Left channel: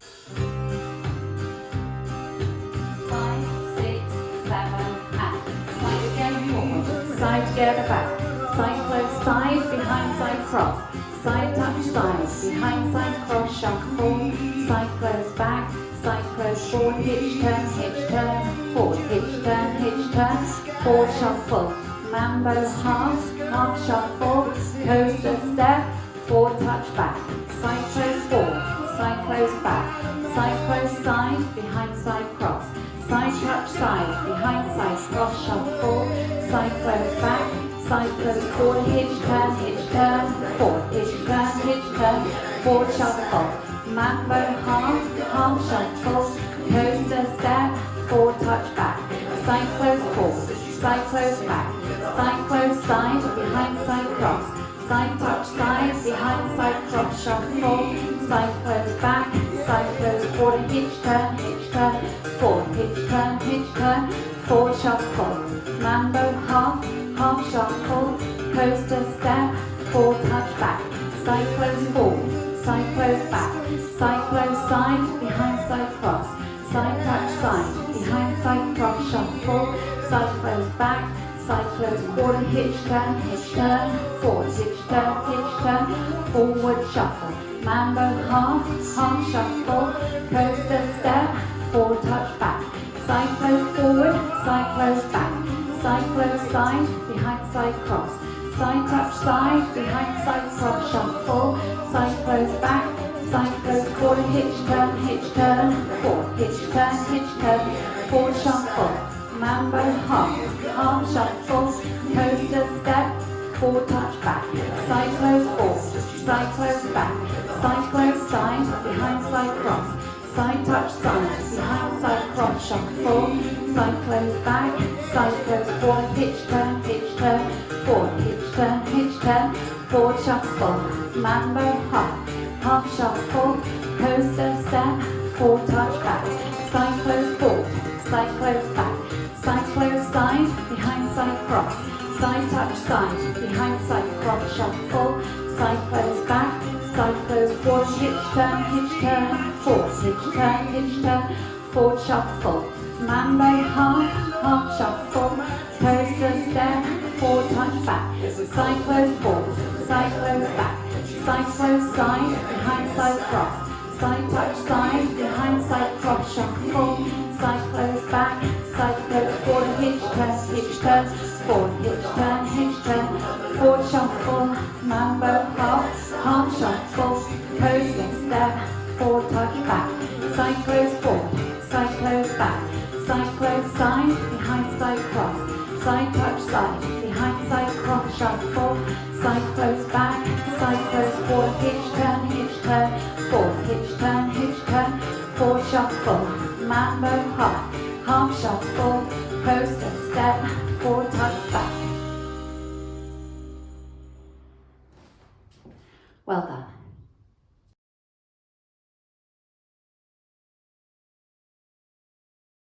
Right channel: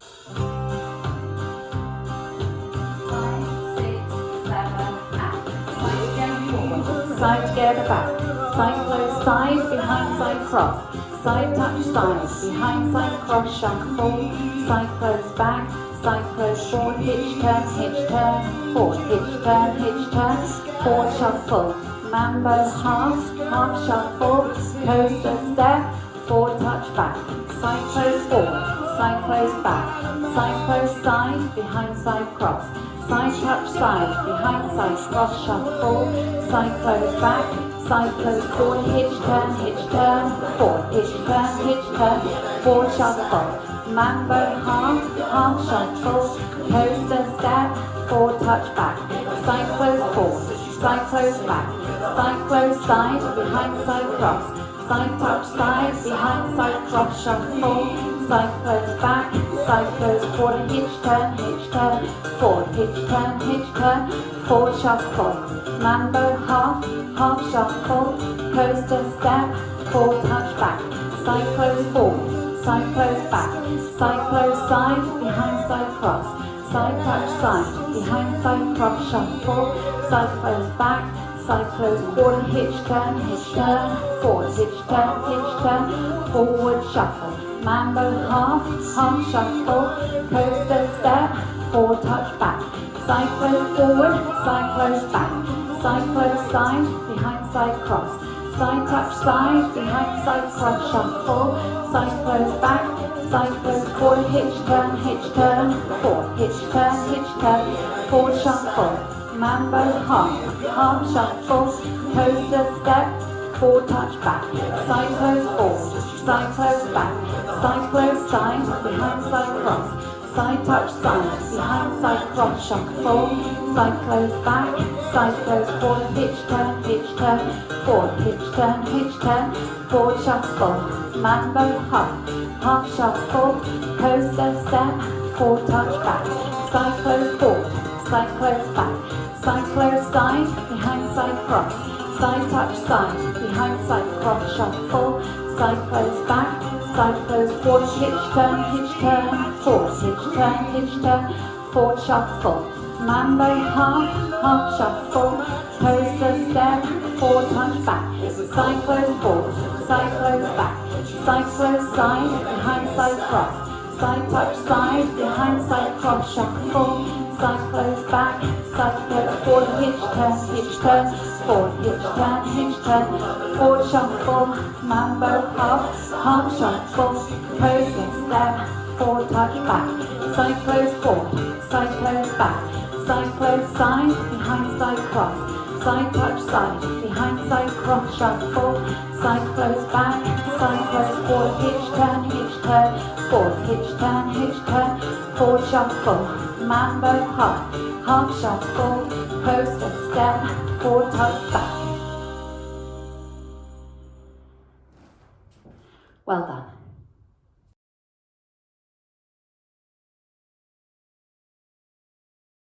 5, 6, 7, and side together forward, side together back, side close side, behind side cross, side touch side, behind side cross, shuffle, side close back, side close forward, hitch turn, forward, hitch turn, forward shuffle, mambo half, half shuffle, coaster step, forward touch back, side close forward, side close back, side close side, behind side cross, side touch side, behind side cross shuffle, side close back, side close forward, hitch turn, forward, hitch turn, forward shuffle, mambo half, half shuffle, coaster step, forward touch back, side close forward, side close back, side close side, behind side cross, side touch side, behind side cross shuffle, side close back, side close forward, hitch turn, forward, hitch turn, forward shuffle, mambo half, half shuffle, coaster step, forward touch back, side close forward, side close back, side close side, behind side cross, side touch side, behind side cross shuffle, side close back, side close forward, hitch turn, forward, hitch turn, forward shuffle, mambo half, half shuffle, coaster step, forward touch back, side close forward, side close back, side close side, behind side cross, side touch side, behind side cross shuffle, side close back, side close forward, hitch turn, forward, hitch turn, forward shuffle, mambo half, half shuffle, coaster step, forward touch back, side close forward, side close back, side close side, behind side cross, side touch side, behind side cross shuffle, side close back, side close forward, hitch turn, forward, hitch turn, forward shuffle, mambo half, half shuffle, coaster step, forward touch back, side close forward, side close back, side close side, behind side cross, side touch side, behind side cross shuffle, side close back, side close forward, hitch turn, forward, hitch turn, forward shuffle, mambo half, half shuffle, coaster step, forward touch back, side close forward, side close back, side close side, behind side cross, side touch side, behind side cross shuffle, side close back, side close forward, hitch turn, forward, hitch turn, forward shuffle, mambo half, half shuffle, coaster step, forward touch back, side close forward, side close back, side close side, behind side cross, side touch side, behind side cross shuffle, side close back, side close forward, hitch turn, forward, hitch turn, forward shuffle, mambo half, half shuffle, coaster step, forward touch back,